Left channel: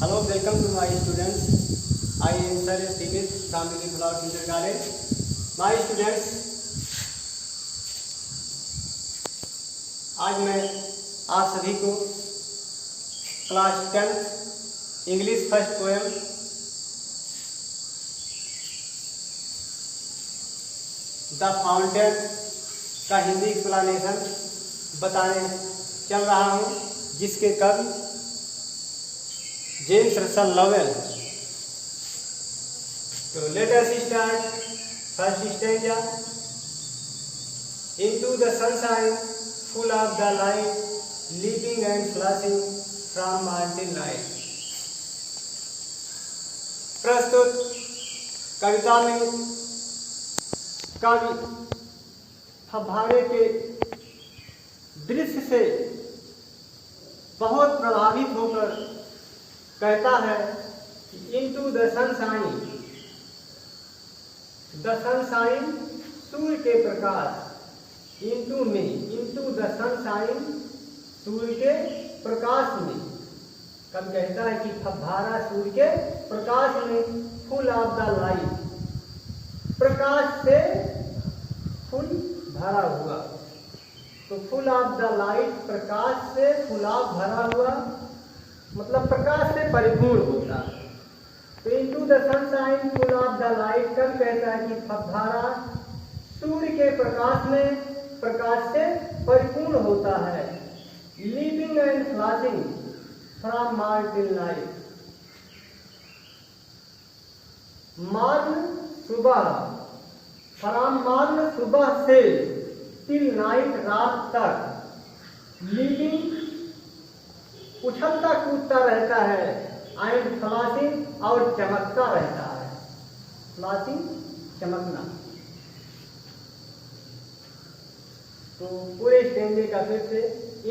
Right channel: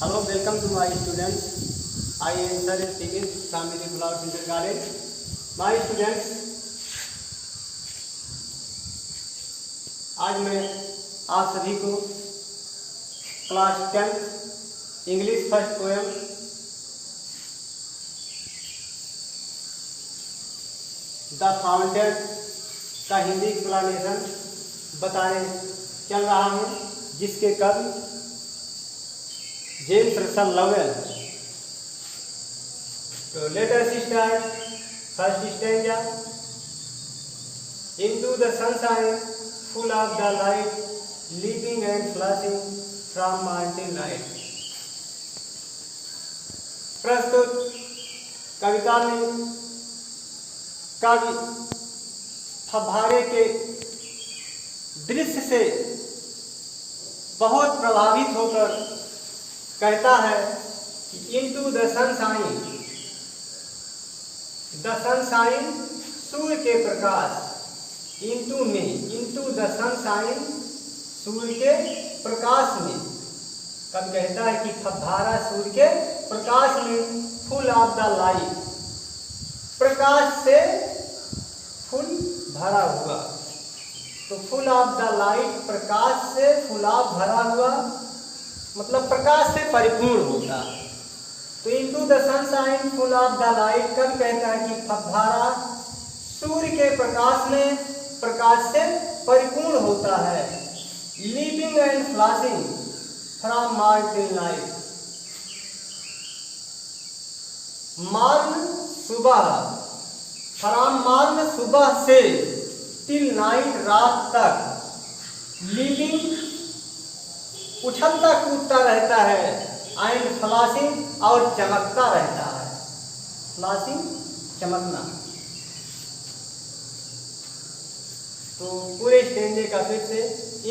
Hello, welcome to my students. I am Sir Singh from the Flower Kindergarten. My students, आज मैं आप सभी को class 10 English first poem the fountain का Hindi explanation बताने चल रहा हूँ, जिसके कवि जेम्स रसल लॉवेल। तो let us start first stanza. Into the sunshine full of the light, leaping and flashing from mountain light. प्रस्तुत कविता में कवि फव्वारे के दृश्य से बहुत प्रभावित होकर कहता है कि into the sunshine, the sunshine सूर्य के प्रकाश, इनटू में, इनटू द सनशाइन सूर्य के प्रकाश में। कब कहता है कि फव्वारा सूर्य के प्रकाश में, फुल ऑफ द लाइट, प्रकाश से फुल भरा हुआ। तो फुल ऑफ द लाइट, प्रकाश से फुल ऑफ भरा हुआ मतलब प्रकाश से परिपूर्ण होता। तो into the sunshine full of the light कब कहता है कि फव्वारा सूर्य के प्रकाश में, प्रकाश से परिपूर्ण होता है। Leaping and flashing from mountain light, morn सुबह, फ्रॉम मॉर्न सुबह से टिल नाइट रात तक, लीपिंग उछलता कूदता रहता है, एंड फ्लैशिंग और चमकता रहता है। फ्लैशिंग चमकना। तो पूरे स्टेंजे का फिर से,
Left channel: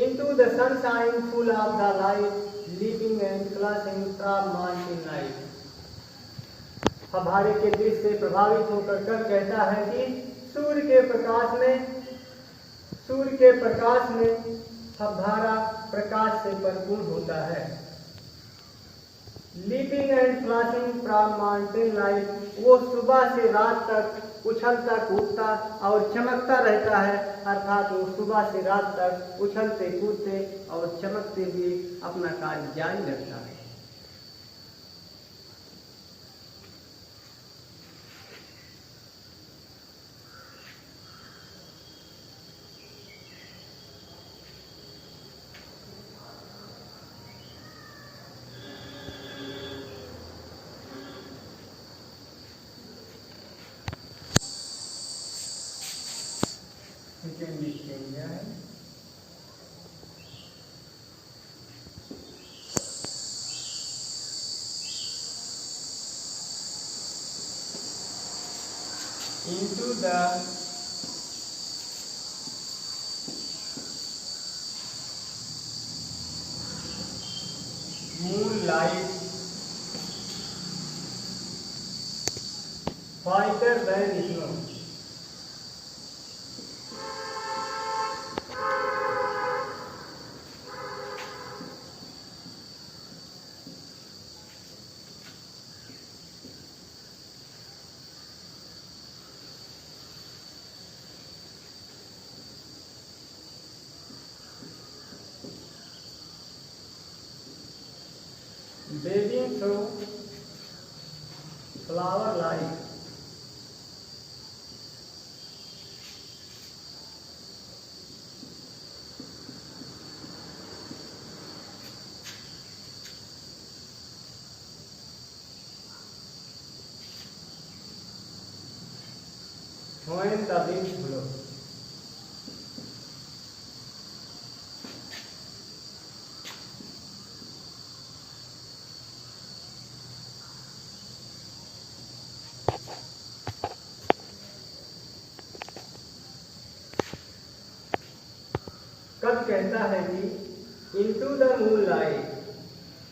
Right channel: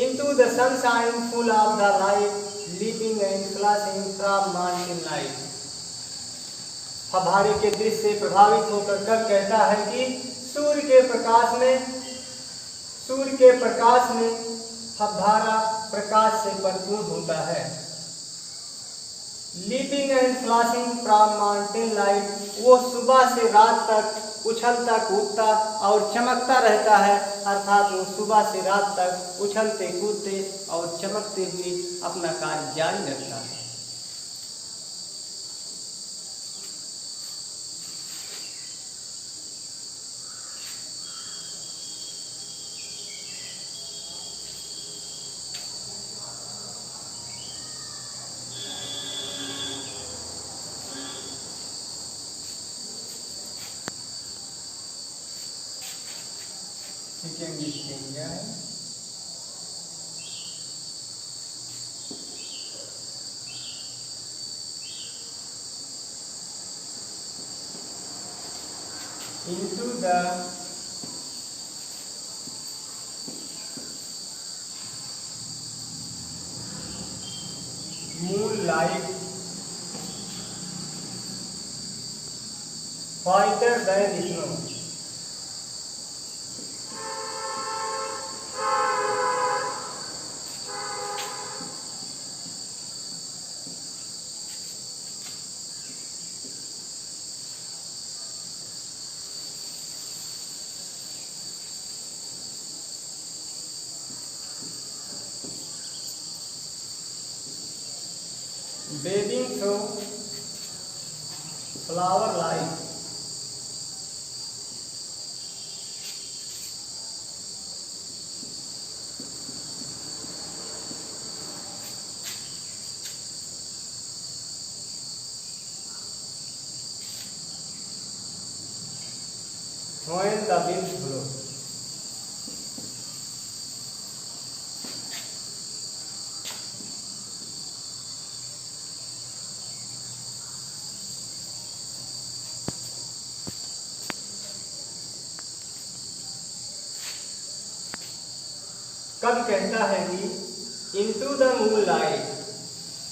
into the sunshine full of the light, leaping and flashing from mountain light. फव्वारे के दृश्य से प्रभावित होकर कब कहता है कि सूर्य के प्रकाश में, सूर्य के प्रकाश में फव्वारा प्रकाश से परिपूर्ण होता है। Leaping and flashing from mountain light, वो सुबह से रात तक उछलता कूदता और चमकता रहता है, अर्थात वो सुबह से रात तक उछलते कूदते और चमकते हुए अपना कार्य जारी रखता है। सेकेंड स्टेंजा है। Into the moonlight, fighter than snow. Waving through flower light, when the wind blows। कब कहता है कि into the moon light,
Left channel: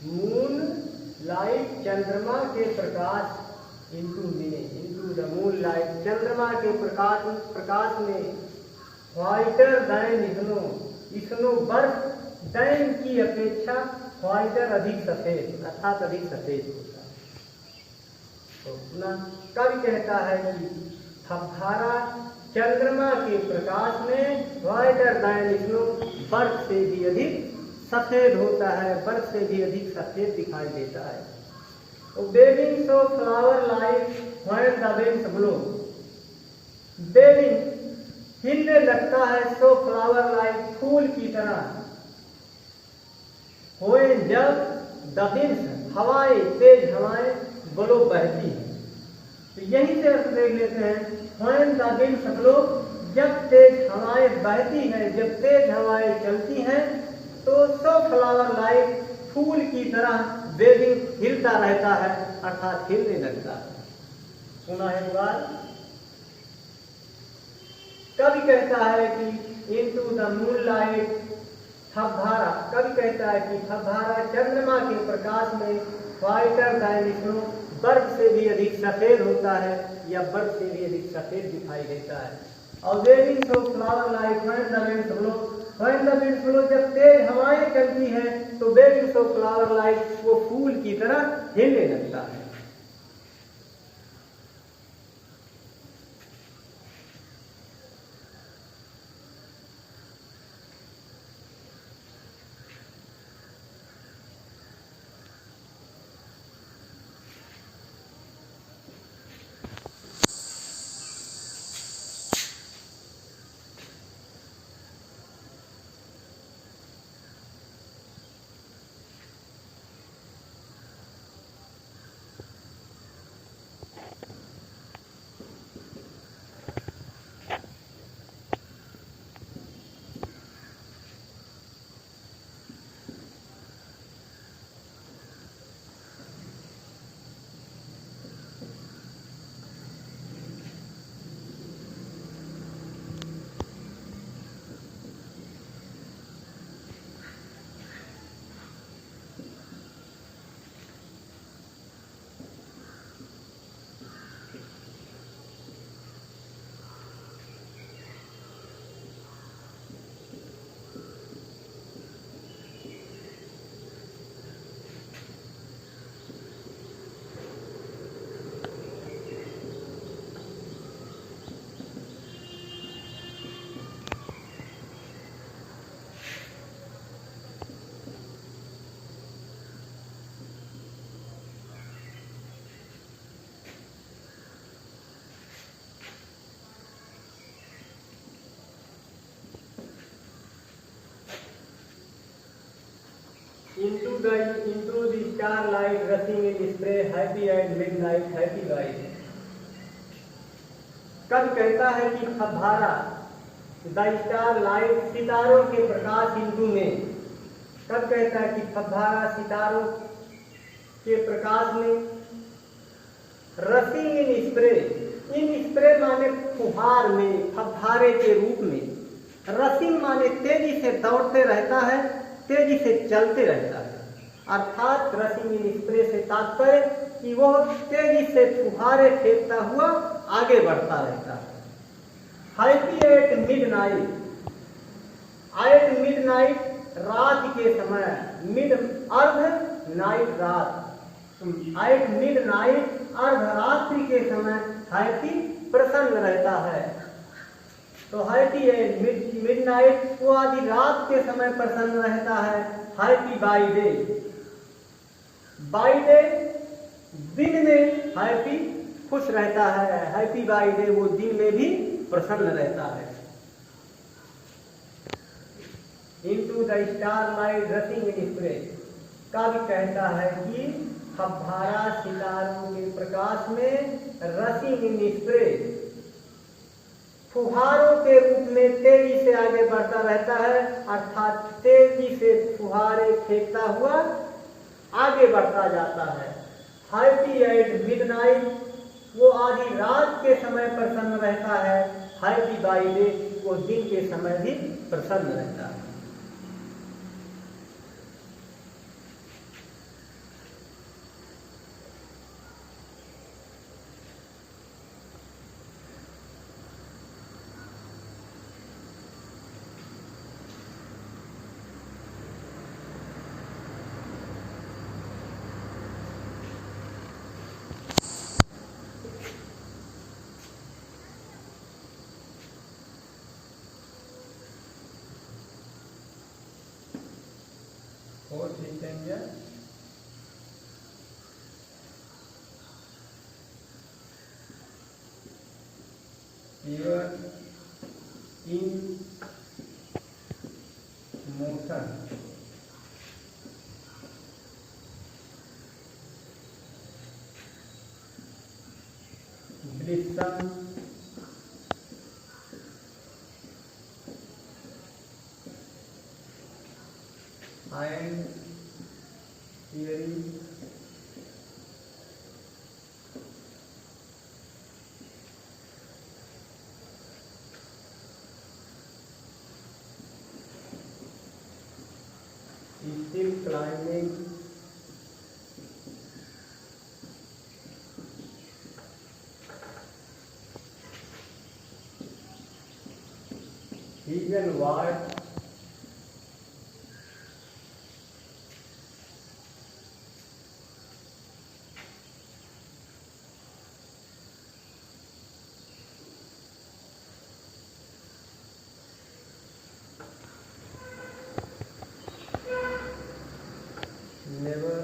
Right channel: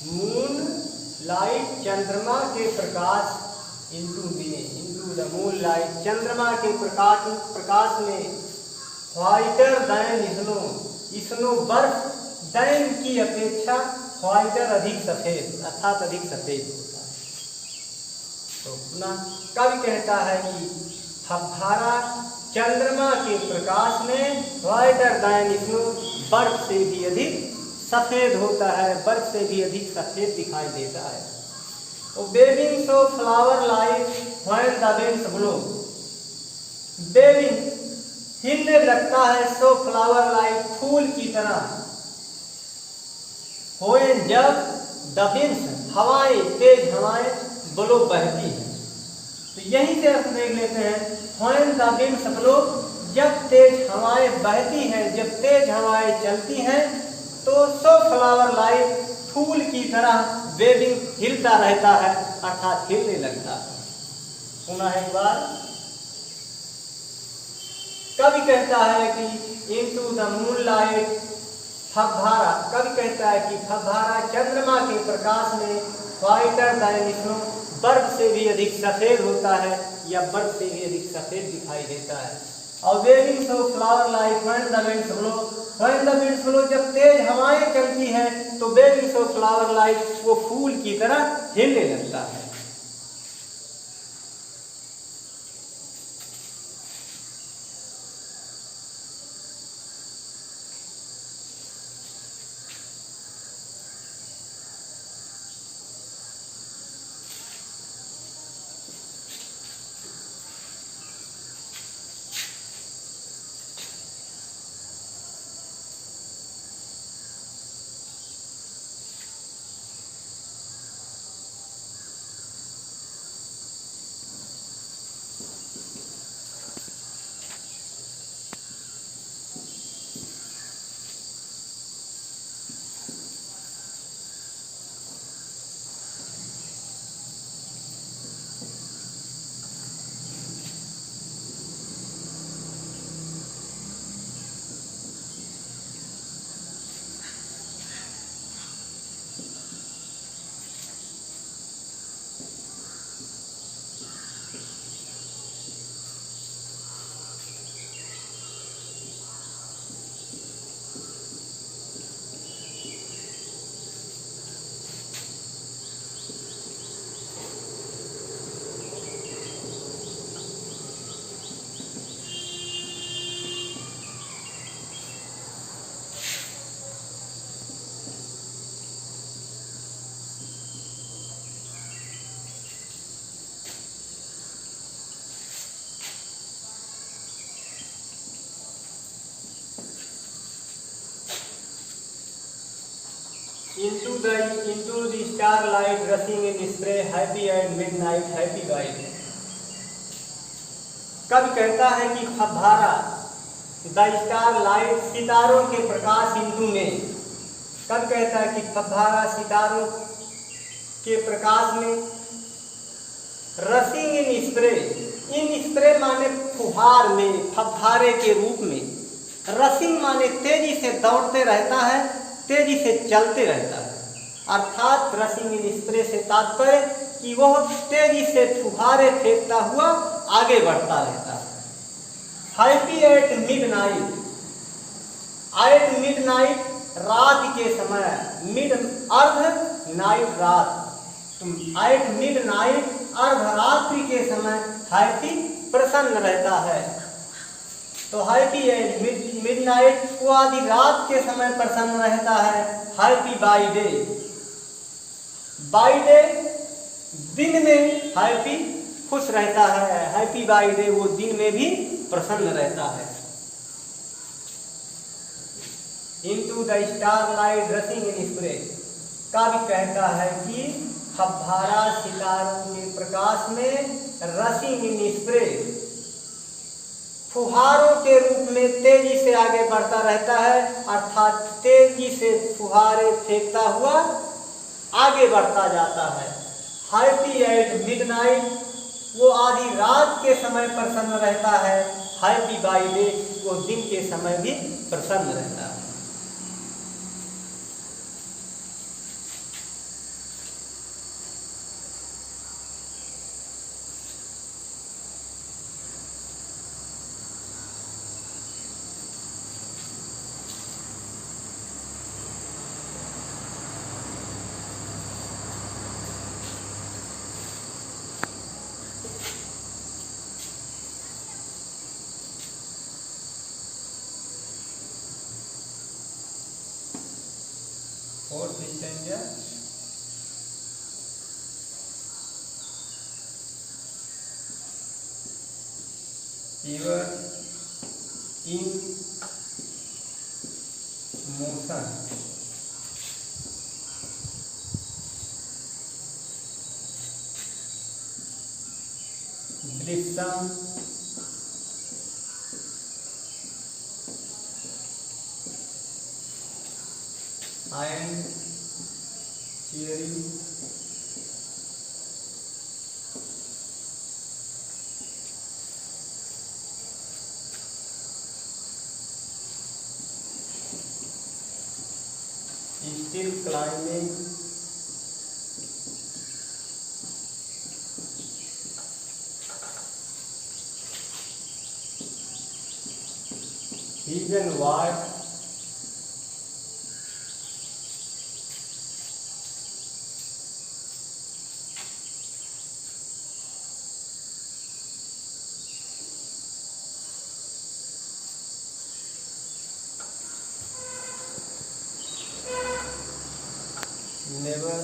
moon light चंद्रमा के प्रकाश, इनटू में, इनटू द मून लाइट चंद्रमा के प्रकाश में, व्हाइटर दैन स्नो, स्नो बर्फ दैन की अपेक्षा व्हाइटर अधिक सफेद, अर्थात अधिक सफेद होता है। तो पुनः कवि कहता है कि फव्वारा चंद्रमा के प्रकाश में व्हाइटर दैन स्नो, बर्फ से भी अधिक सफेद होता है, बर्फ से भी अधिक सफेद दिखाई देता है। Waving so flower like when the winds blow, waving हिलने लगता है, सो फ्लावर लाइक फूल की तरह, व्हेन जब द विंड्स हवाएं, तेज हवाएं ब्लो बहती है। तो यहीं से अर्थ देख लेते हैं, व्हेन द विंड्स ब्लो, जब तेज हवाएं बहती हैं, जब तेज हवाएं चलती हैं, तो सो फ्लावर लाइक फूल की तरह वेविंग हिलता रहता है, अर्थात हिलने लगता है। पुनः एक बार कवि कहता है कि इनटू द मूनलाइट फव्वारा, कवि कहता है कि फव्वारा चंद्रमा के प्रकाश में व्हाइटर दैन स्नो, बर्फ से भी अधिक सफेद होता है या बर्फ से भी अधिक सफेद दिखाई देता है। और waving so flower like when the winds blow, when the winds blow, जब तेज हवाएं चलती हैं तो वेविंग सो फ्लावर लाइक, वो फूल की तरह हिलने लगता है। Into the starlight rushing in spray, happy at midnight, happy white। कवि कहता है कि फव्वारा द स्टारलाइट, सितारों के प्रकाश इंदु में, कवि कहता है कि फव्वारा सितारों के प्रकाश में, रसिंग इन स्प्रे, इन स्प्रे माने फुहार में, फव्वारे के रूप में, रसिंग माने तेजी से दौड़ते रहता है, तेजी से चलते रहता है, अर्थात रसिंग इन स्प्रे से तात्पर्य कि वह तेजी से फुहारे फेंकता हुआ आगे बढ़ता रहता है। Happy at midnight, at midnight रात के समय, मिड अर्ध नाइट रात, एट मिडनाइट अर्धरात्रि के समय हैप्पी प्रसन्न रहता है। तो हैप्पी एट मिडनाइट, वो आधी रात के समय प्रसन्न रहता है। Happy by day, by day दिन में हैप्पी खुश रहता है, हैप्पी बाई डे वो दिन में भी प्रसन्न रहता है। Into the starlight रसिंग in spray, कवि कहता है कि फव्वारा सितारों के प्रकाश में रसिंग इन स्प्रे, फुहारों के रूप में तेजी से आगे बढ़ता रहता है, अर्थात तेजी से फुहारे फेंकता हुआ आगे बढ़ता जाता है। हैप्पी एट मिडनाइट, वो आधी रात के समय प्रसन्न रहता है। हैप्पी बाई डे, वो दिन के समय भी प्रसन्न रहता है। Fourth stanza even in motion blossom and cherry still climbing even what never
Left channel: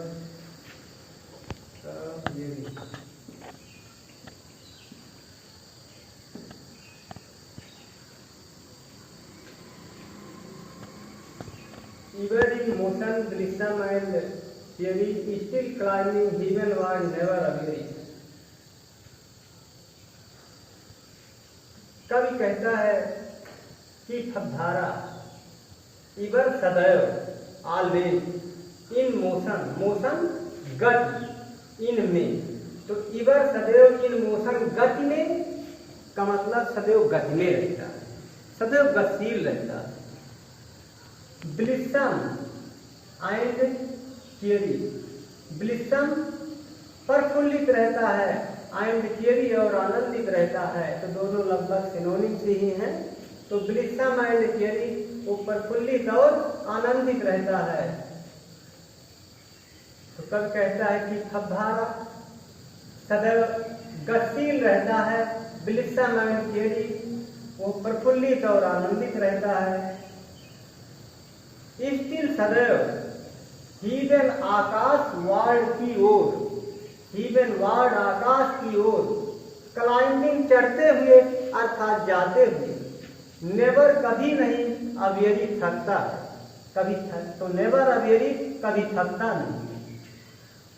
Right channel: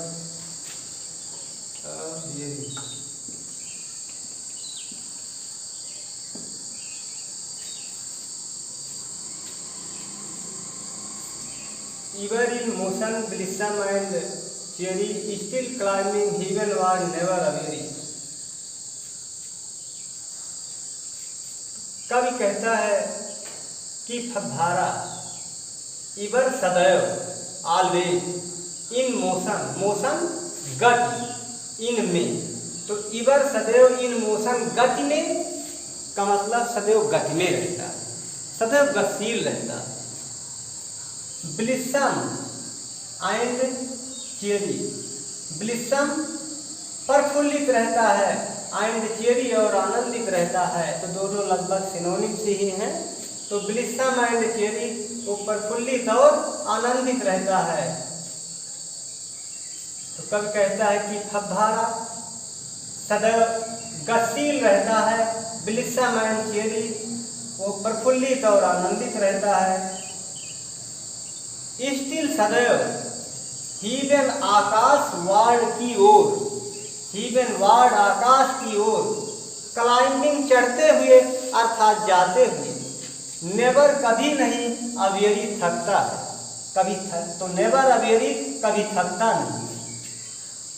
hearing ever in motion blossom and cherry still climbing heavenward never weary। कवि कहता है कि फव्वारा इवर सदैव ऑलवेज इन मोशन मोशन गति इन में, तो इवर सदैव इन मोशन गति में का मतलब सदैव गति में रहता है, सदैव गतिशील रहता है। ब्लिसम एंड चेरी ब्लिसम प्रफुल्लित रहता है एंड चेरी और आनंदित रहता है, तो दोनों लगभग सिनोनिम से ही हैं। तो ब्लिसम एंड चेरी वो प्रफुल्लित और आनंदित रहता है। तो कवि कहता है कि फव्वारा सदैव गतिशील रहता है, ब्लिसम एंड चेरी वो प्रफुल्लित और आनंदित रहता है। स्टिल सदैव हीवन आकाश वार्ड की ओर, हीवन वार्ड आकाश की ओर, क्लाइंबिंग चढ़ते हुए अर्थात जाते हुए, नेवर कभी नहीं अवेरी थकता है, कभी तो नेवर अवेरी कभी थकता नहीं।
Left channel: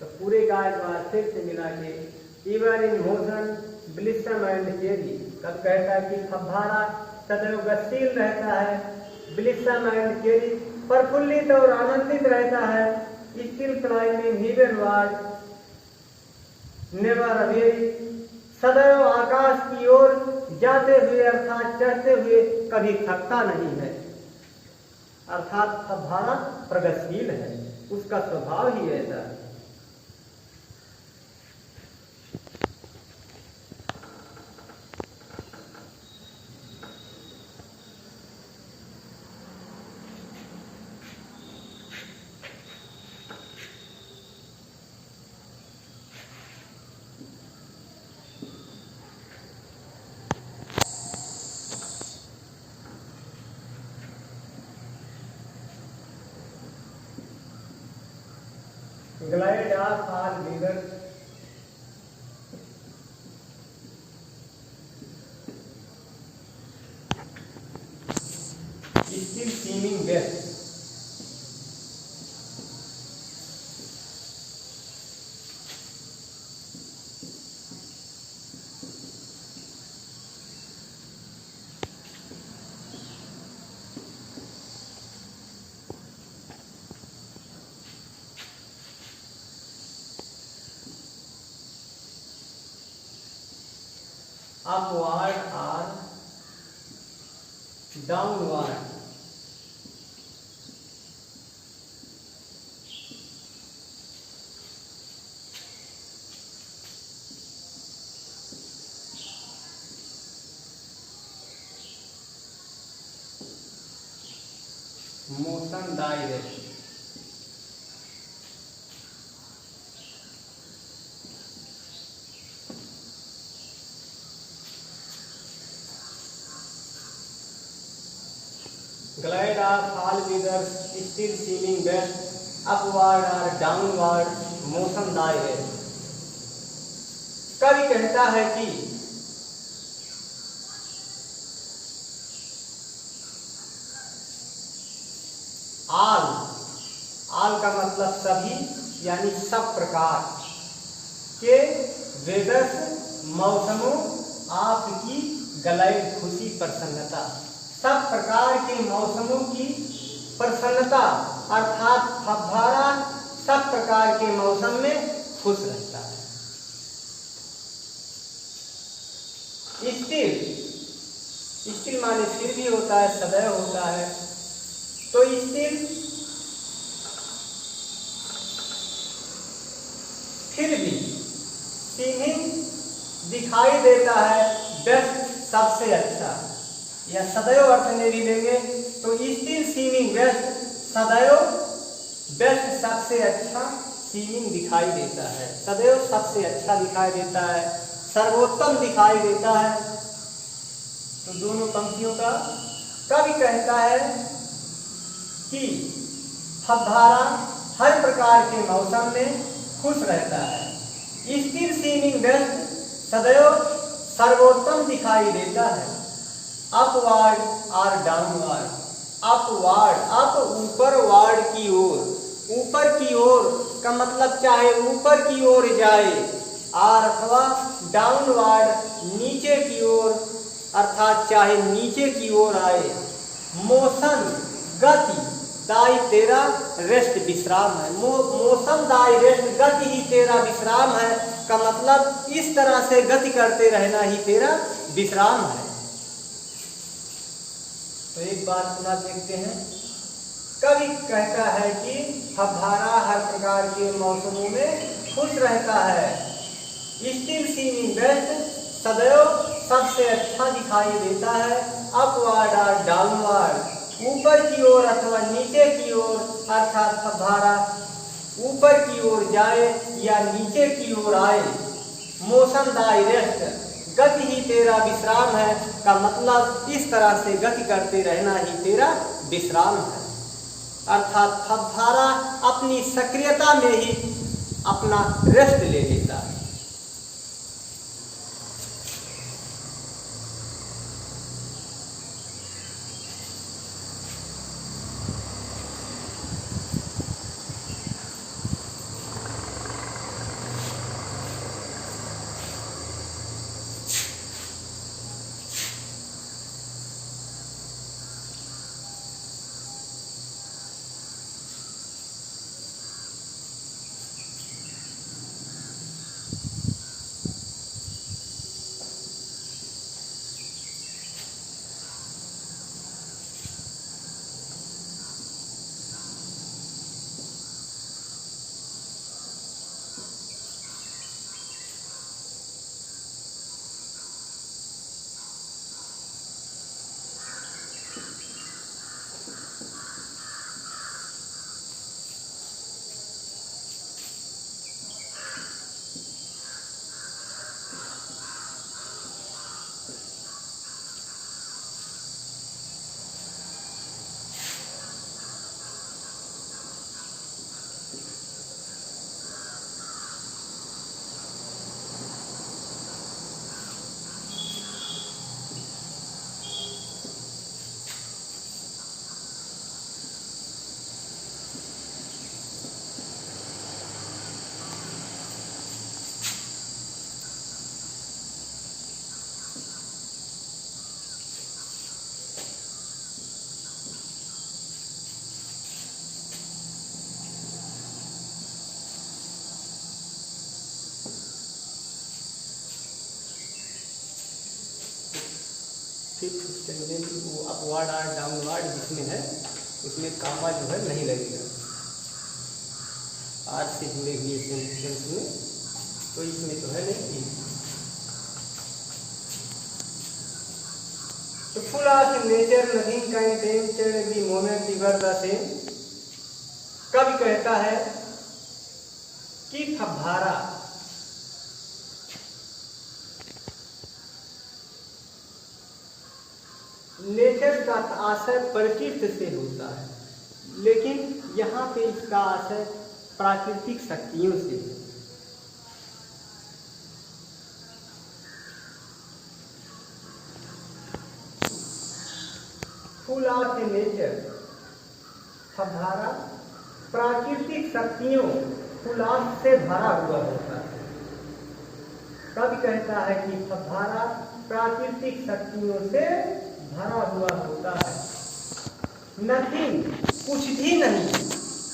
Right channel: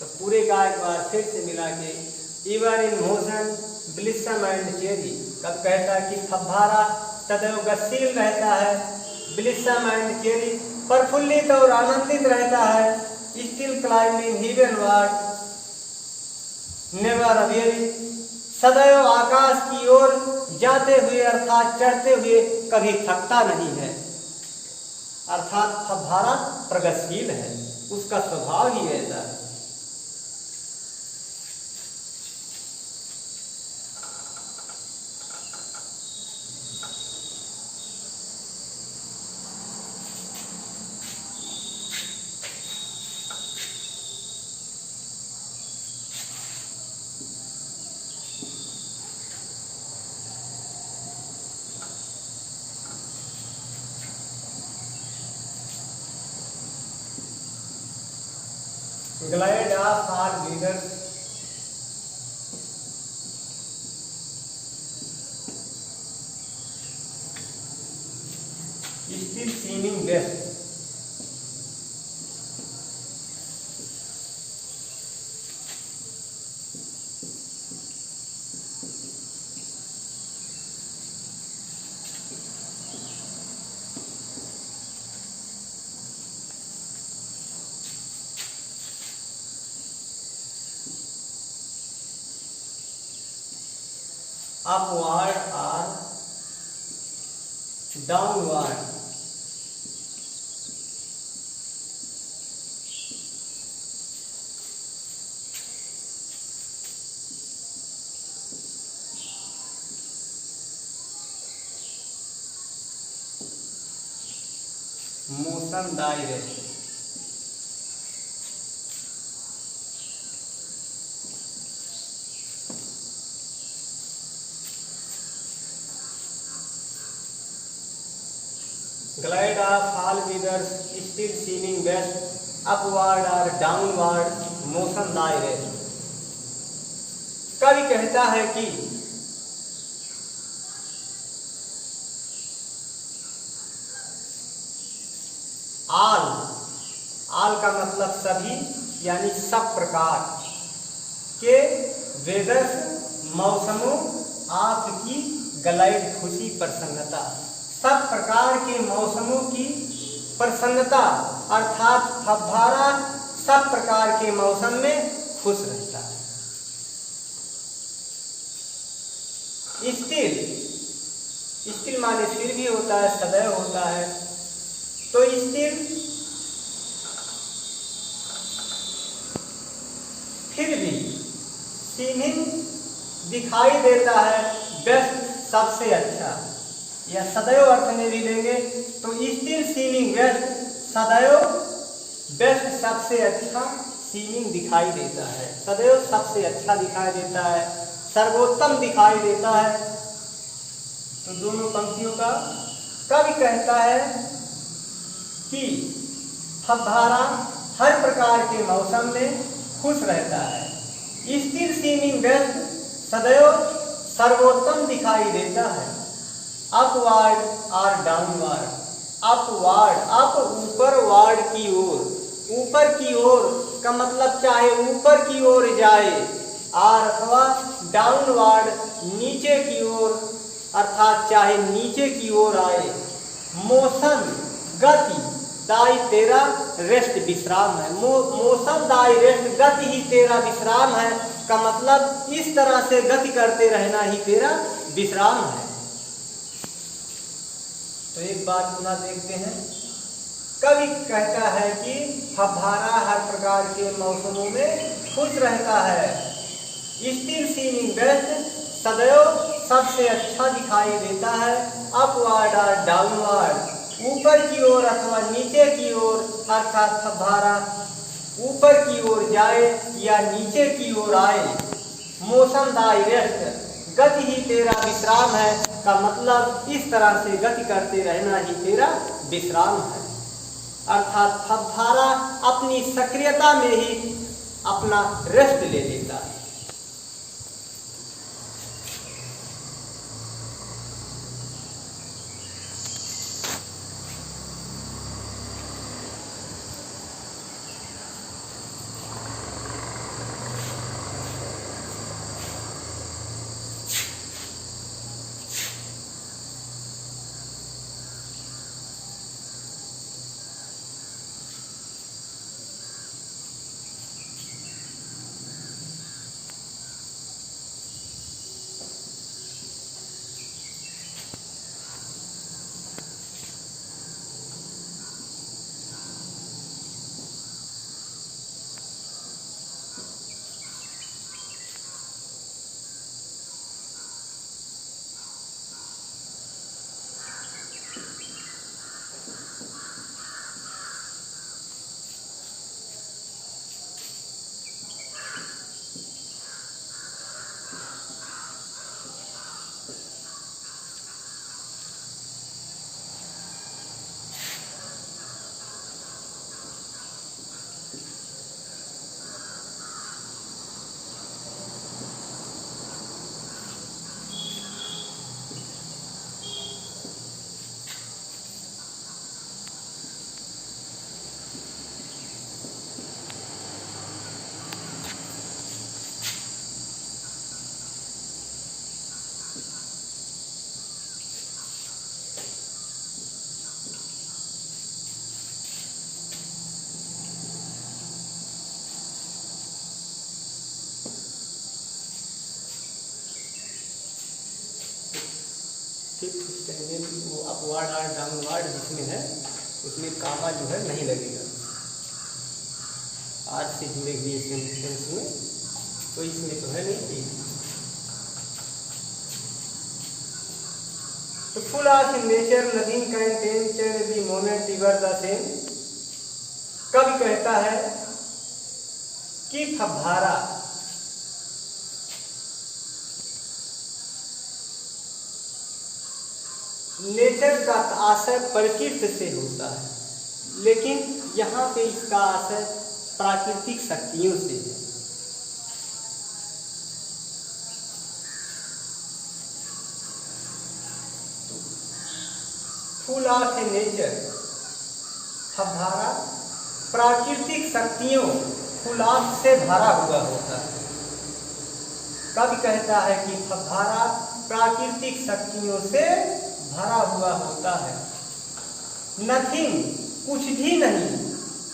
तो पूरे का एक बार फिर से मिला के इवर इन मोशन ब्लिसम एंड चेरी। कब कहता है कि फव्वारा सदैव गतिशील रहता है, ब्लिसम एंड चेरी प्रफुल्लित और आनंदित रहता है, स्टिल क्लाइंबिंग हेवनवर्ड नेवर अवेरी सदैव आकाश की ओर जाते हुए अर्थात चढ़ते हुए कभी थकता नहीं है। अर्थात फव्वारा प्रगतिशील है, उसका स्वभाव ही ऐसा है। Glide off our leaders still seeming best। upward or downward, motion direct, glide off all weathers still seeming best। Upward और डाउनवर्ड मोशन दाई रेस्ट। कवि कहता है कि आल का मतलब सभी यानी सब प्रकार के वेदर्स मौसमों आपकी गलाइड खुशी प्रसन्नता, सब प्रकार के मौसमों की प्रसन्नता अर्थात फव्वारा सब प्रकार के मौसम में खुश रहता है। स्टिल माने फिर भी होता है, सदैव होता है। तो स्टिल फिर भी सीमिंग दिखाई देता है बेस्ट सबसे अच्छा, या सदैव अर्थ में भी लेंगे तो स्टिल सीमिंग बेस्ट, सदैव बेस्ट सबसे अच्छा सीमिंग दिखाई देता है, सदैव सबसे अच्छा दिखाई देता है, सर्वोत्तम दिखाई देता है। तो दोनों पंक्तियों का कवि कहता है कि फव्वारा हर प्रकार के मौसम में खुश रहता है, स्टिल सीमिंग बेस्ट सदैव सर्वोत्तम दिखाई देता है। अपवर्ड और डाउनवर्ड, अपवर्ड अप ऊपर, वार्ड की ओर, ऊपर की ओर का मतलब चाहे ऊपर की ओर जाए, और अथवा डाउनवर्ड नीचे की ओर अर्थात चाहे नीचे की ओर आए। मोशन गति दाई तेरा रेस्ट विश्राम है, मोशन दाई रेस्ट गति ही तेरा विश्राम है का मतलब इस तरह से गति करते रहना ही तेरा विश्राम है। तो एक बार पुनः देखते हैं। कवि कहता है कि फव्वारा हर प्रकार के मौसमों में खुश रहता है, स्टिल सीमिंग बेस्ट सदैव सबसे अच्छा दिखाई देता है, अपवर्ड और डाउनवर्ड ऊपर की ओर अथवा नीचे की ओर अर्थात फव्वारा ऊपर की ओर जाए या नीचे की ओर आए। मोशन दाई रेस्ट गति ही तेरा विश्राम है का मतलब इस तरह से गति करते रहना ही तेरा विश्राम है, अर्थात फव्वारा अपनी सक्रियता में ही अपना रेस्ट ले लेता है। वो अपवर्ड और डाउनवर्ड जिसमें है उसमें कामा जो है नहीं लगेगा, आर से जुड़े हुए सेंटेंस में, तो इसमें तो है नहीं। तो full of nature nothing can tempt the moment इवर the same. कवि कहता है कि फव्वारा नेचर का आशय प्रकृति से होता है, लेकिन यहाँ पे इसका आशय प्राकृतिक शक्तियों से है। फुल ऑफ नेचर, फव्वारा प्राकृतिक शक्तियों फुल ऑफ से भरा हुआ होता है। कवि कहता है कि फव्वारा प्राकृतिक शक्तियों से भरा हुआ होता है। नथिंग, कुछ भी नहीं,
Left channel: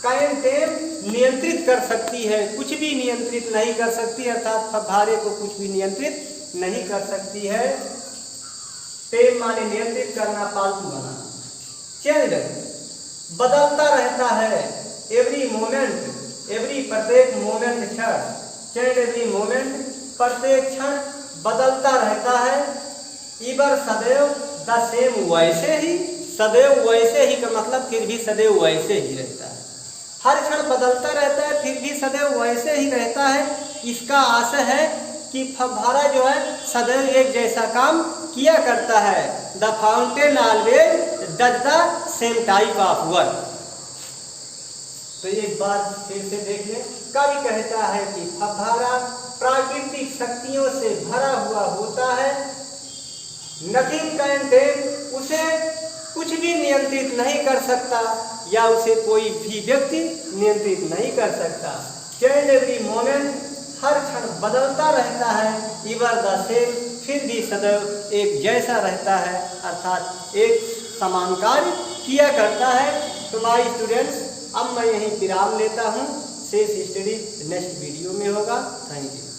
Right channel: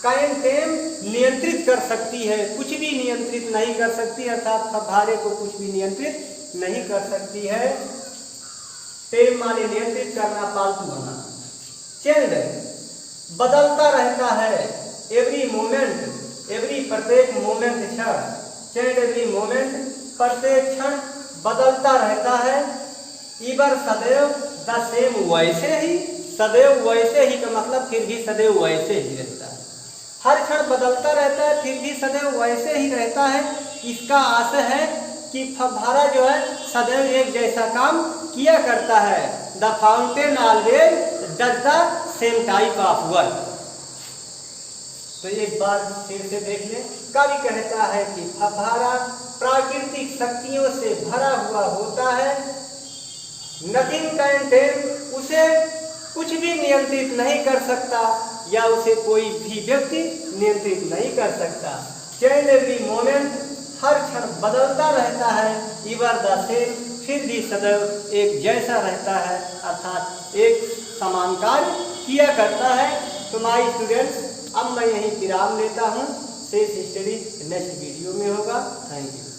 कैन टेम, नियंत्रित कर सकती है, कुछ भी नियंत्रित नहीं कर सकती, अर्थात फव्वारे को कुछ भी नियंत्रित नहीं कर सकती है। टेम माने नियंत्रित करना, पालतू बनाना। चेंज, बदलता रहता है, एवरी मोमेंट, एवरी प्रत्येक मोमेंट क्षण, चेंज एवरी मोमेंट, प्रत्येक क्षण बदलता रहता है। इबर सदैव, द सेम, वैसे ही, सदैव वैसे ही का मतलब फिर भी सदैव वैसे ही रहता है। हर क्षण बदलता रहता है, फिर भी सदैव वैसे ही रहता है। इसका आशय है कि फव्वारा जो है सदैव एक जैसा काम किया करता है। The fountain always does the same type of work. तो एक बार फिर से देख ले, कवि कहता है कि फव्वारा प्राकृतिक शक्तियों से भरा हुआ होता है। नथिंग कैन टेम, उसे कुछ भी नियंत्रित नहीं कर सकता या उसे कोई भी व्यक्ति नियंत्रित नहीं कर सकता। चेंज एवरी मोमेंट, हर क्षण बदलता रहता है। इवर द सेम, फिर भी सदैव एक जैसा रहता है, अर्थात एक समान कार्य किया करता है। तो माय स्टूडेंट्स, अब मैं यहीं विराम लेता हूँ। शेष स्टडी नेक्स्ट वीडियो में होगा। Thank you.